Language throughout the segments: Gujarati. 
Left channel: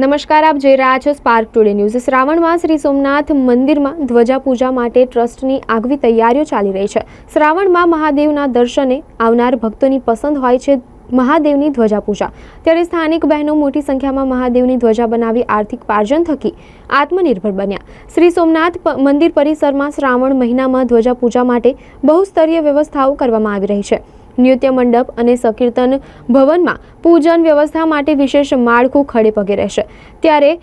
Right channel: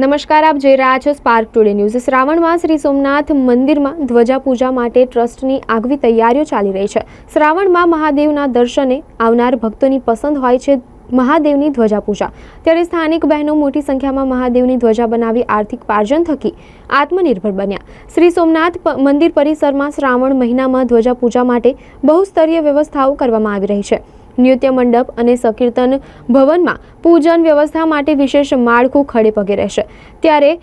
નમસ્કાર, આપ જોઈ રહ્યા છો સ્પાર્ક ટુડે ન્યૂઝ શ્રાવણમાં શ્રી સોમનાથ મંદિરમાં ધ્વજા પૂજા માટે ટ્રસ્ટની આગવી તૈયારીઓ ચાલી રહી છે. શ્રાવણમાં મહાદેવના દર્શને આવનાર ભક્તોની પસંદ હોય છે મહાદેવની ધ્વજા પૂજા ત્યારે સ્થાનિક બહેનો મોટી સંખ્યામાં મહાદેવની ધ્વજા બનાવી આર્થિક પાર્જન થકી આત્મનિર્ભર બન્યા. શ્રી સોમનાથ મંદિર પરિસરમાં શ્રાવણ મહિનામાં ધ્વજા પૂજા માટે બહુસ્તરીય વ્યવસ્થાઓ કરવામાં આવી રહી છે. નૃત્ય મંડપ અને સંકીર્તન ભવનમાં પૂજન વ્યવસ્થા માટે વિશેષ માળખું ખડે પગે રહેશે. ત્યારે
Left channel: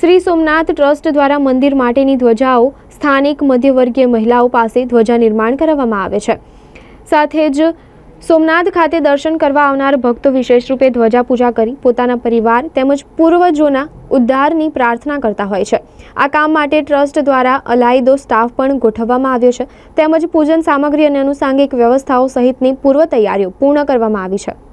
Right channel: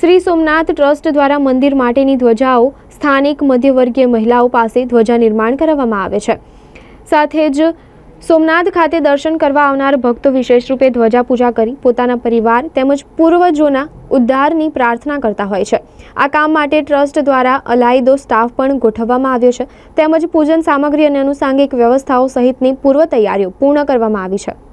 શ્રી સોમનાથ ટ્રસ્ટ દ્વારા મંદિર માટેની ધ્વજાઓ સ્થાનિક મધ્યવર્ગીય મહિલાઓ પાસે ધ્વજા નિર્માણ કરાવવામાં આવે છે. સાથે જ સોમનાથ ખાતે દર્શન કરવા આવનાર ભક્તો વિશેષ રૂપે ધ્વજા પૂજા કરી પોતાના પરિવાર તેમજ પૂર્વજોના ઉદ્ધારની પ્રાર્થના કરતા હોય છે. આ કામ માટે ટ્રસ્ટ દ્વારા અલાયદો સ્ટાફ પણ ગોઠવવામાં આવ્યો છે. તેમજ પૂજન સામગ્રી અને અનુસાંગિક વ્યવસ્થાઓ સહિતની પૂર્વ તૈયારીઓ પૂર્ણ કરવામાં આવી છે.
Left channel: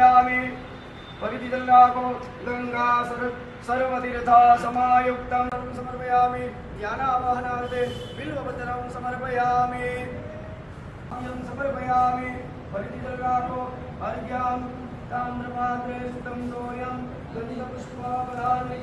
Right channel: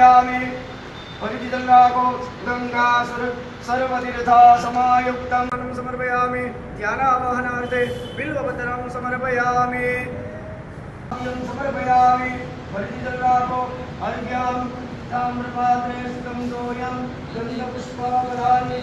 नमार्घ्यं समर्पयामि परिचितङ्गाको गङ्गासुर सर्वतीर्था समायुक्तं समर्पयामि ध्यानावाहनार्थे बिल्वपत्रं समर्पयामि अर्घ्यं समर्पयामि परिचितङ्गाको अर्घ्यं ताम्रपात्रे स्थितं तोयं गन्धपुष्पापदानि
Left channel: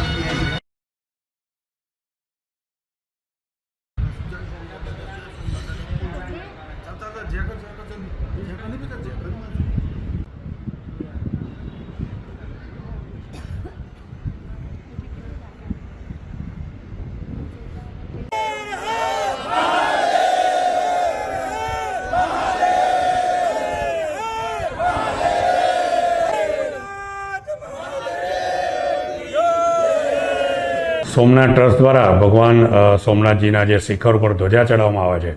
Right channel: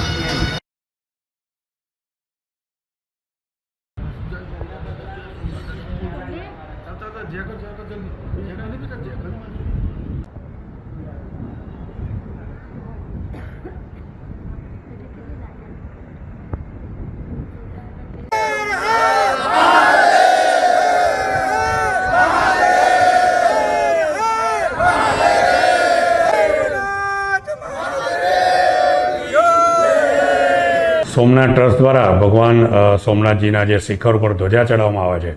સોમનાથ ટ્રસ્ટ દ્વારા ભગવાન સોમનાથજીના જે શિખર ઉપર ધ્વજા ચડાવવામાં આવે છે,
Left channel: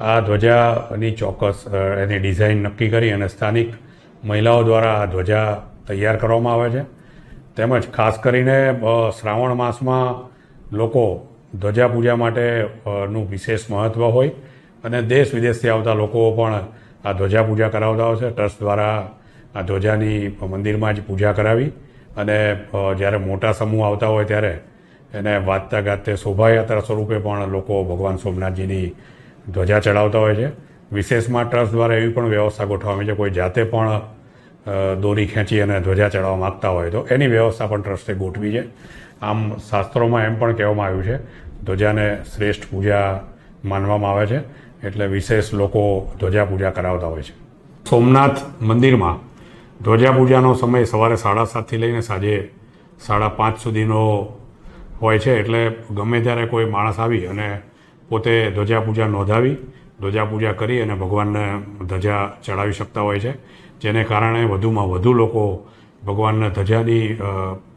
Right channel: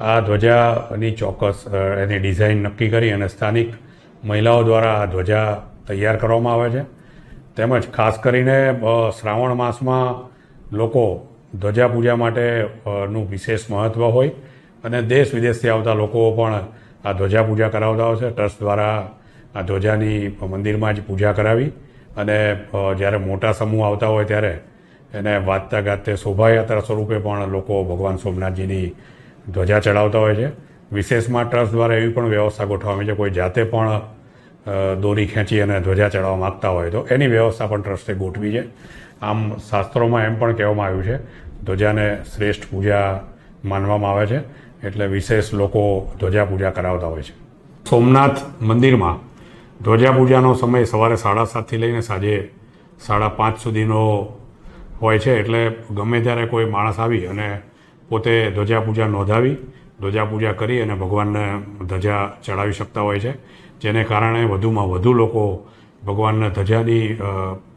આ ધ્વજાની ચોક્કસ એની ડિઝાઇન નક્કી કરી અને સ્થાનિક મહિલાઓ દ્વારા આ ધ્વજા તૈયાર કરવામાં આવે છે. તેમજ ખાસ કરીને શ્રાવણ માસમાં લોકો ધ્વજા પૂજા માટે નું વિશેષ મહત્ત્વ હોય અને દેશ વિદેશથી આવતા લોકો પણ આ ધ્વજા પૂજા કરાવતા હોય છે. ટ્રસ્ટ દ્વારા આ ધ્વજાની મંદિરમાં જ પૂજા કરાવી અને જ્યારે મોટા સમૂહ આવતા હોય ત્યારે એને વાજતા ગાતે શોભાયાત્રા સ્વરૂપે પણ લોકો ભગવાન સોમનાથજીની ધ્વજા ચડાવતા હોય છે. વિશેષમાં ટ્રસ્ટ દ્વારા એવી પણ વ્યવસ્થા ગોઠવવામાં છે. કોઈ જાતે પણ દોરી ખેંચી અને ધ્વજા ચડાવવા માગતા હોય તો એની વ્યવસ્થા પણ ટ્રસ્ટે ગોઠવી છે. આમ શાસ્ત્રોમાં એમ પણ કહેવામાં આવ્યું છે, ધ્વજાને શ્રેષ્ઠ પૂજા માનવામાં આવે છે, એટલે વિશેષ લોકો ધ્વજા પૂજા કરાવતા હોય છે. સોમનાથ મંદિરમાં ધ્વજા પૂજાનો સમય સવારે સાડા સાતથી લઈને સાંજે સાડા પાંચ સુધીનો હોય છે એટલે ગમે ત્યારે કોઈ માણસ આવી અને પોતે ધ્વજા પૂજા નોંધાવી ધ્વજા પૂજા કરી અને ભગવાનને ધજા ચડાવી શકતા હોય છે. જેને કારણે વધુમાં વધુ લોકો ભગવાનને ધજાની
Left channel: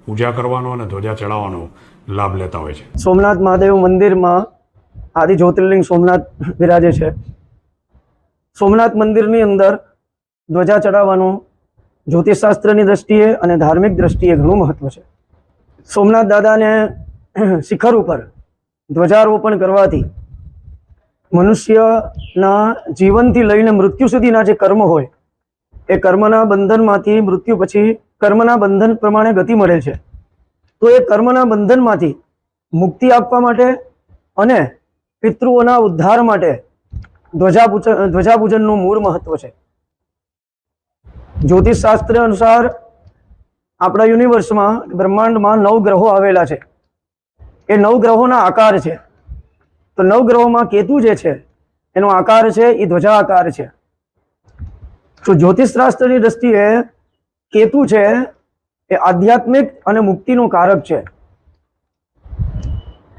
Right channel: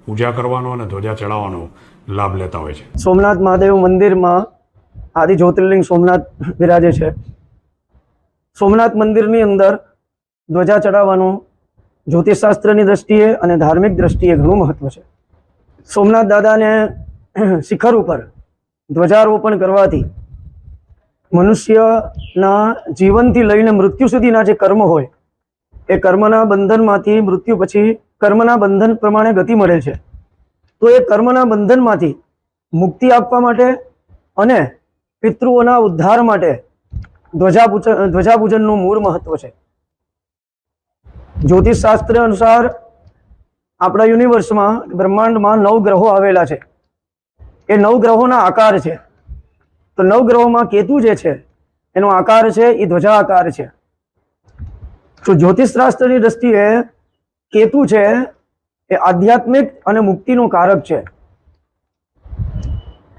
પૂજા કરવાનો અને ધ્વજા ચડાવવાનો લાભ લેતા હોય છે. સોમનાથ મહાદેવ મંદિરમાં આદિ જ્યોતિર્લિંગ સોમનાથ વિરાજે છે. સોમનાથ મંદિરની અંદર ધ્વજા ચડાવવાનું જ્યોતિષશાસ્ત્રની દ્રષ્ટિએ અને ધાર્મિક દ્રષ્ટિએ ઘણું મહત્વ છે. સોમનાથ દાદાને શિખર ઉપર, ધ્વજારોપણ કરવાથી મનુષ્યના જીવનથી લઈને મૃત્યુ સુધીના જે કર્મ હોય, એ કર્મના બંધનમાંથી મૃત્યુ પછી કર્મના બંધન પ્રમાણે ગતિ મળે છે. તો એ કર્મના બંધનમાંથી મુક્તિ આપવા માટે અને પિતૃઓના ઉદ્ધાર માટે ધ્વજાપૂજન, ધ્વજાપૂજનનું મૂળ મહત્વ છે. જ્યોતિષ શાસ્ત્ર અનુસાર આપણા યુનિવર્સમાં બ્રહ્માંડમાં નવ ગ્રહો આવેલા છે. એ નવ ગ્રહોના આકાર છે. તો નવ ગ્રહોમાં કેતુ જે છે, એનો આકાર છે, એ ધ્વજા આકાર છે. તો જ્યોતિષ શાસ્ત્રની દ્રષ્ટિએ કેતુ છે, એ આધ્યાત્મિક અને મુક્તિનું કારક છે.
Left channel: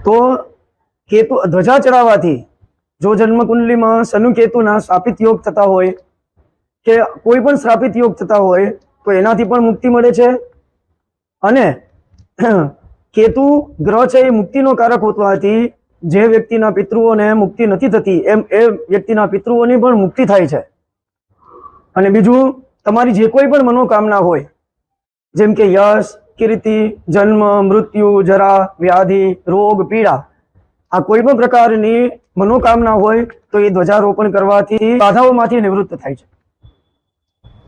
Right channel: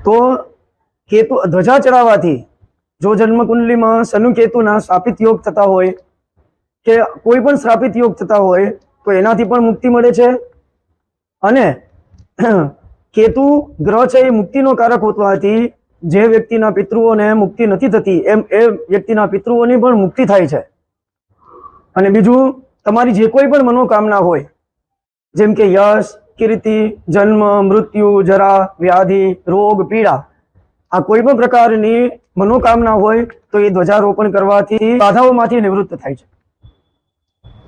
તો કેતુ, ધ્વજા ચડાવવાથી જો જન્મકુંડલીમાં શનુ કેતુના સ્થાપિત યોગ થતા હોય, કે કોઈ પણ સ્થાપિત યોગ થતા હોય, તો એનાથી પણ મુક્તિ મળે છે. અને કેતુ ગ્રહ છે એ મુક્તિનો કારક હોવાથી જે વ્યક્તિના પિતૃઓને મુક્તિ નથી થતી, એમ એ વ્યક્તિના પિતૃઓની પણ મુક્તિ થાય છે. અને બીજું, તમારી જે કોઈ પણ મનોકામના હોય, જેમ કે યશ, કીર્તિ, જન્મ, મૃત્યુ, જરા, વ્યાધિ, રોગ, પીડા, આ કોઈ પણ પ્રકારની મનોકામના હોય તો એ ધ્વજારોપણ કરવાથી બાધાઓમાંથી નિવૃત્ત થાય છે.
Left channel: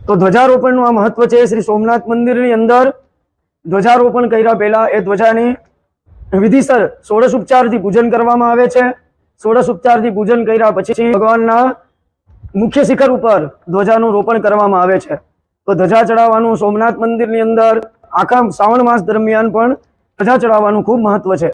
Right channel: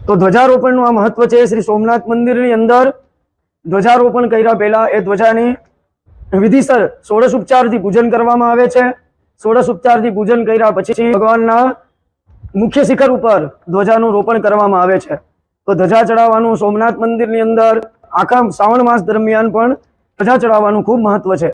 તો ધ્વજારોપણનું આ મહત્વ છે શ્રી સોમનાથ મંદિરની અંદર ધ્વજારોપણ કર્યા પહેલા એ ધ્વજાની વિધિસર ષોડશ ઉપચારથી પૂજન કરવામાં આવે છે. ષોડશ ઉપચારથી પૂજન કર્યા પછી ભગવાનના મુખ્ય શિખર ઉપર ધ્વજાનું રોપણ કરવામાં આવે છે. તો ધ્વજા ચડાવવાનું સોમનાથ મંદિરની અંદર આખા શ્રાવણ માસ દરમિયાન પણ ધ્વજા ચડાવવાનું ખૂબ મહત્વ છે.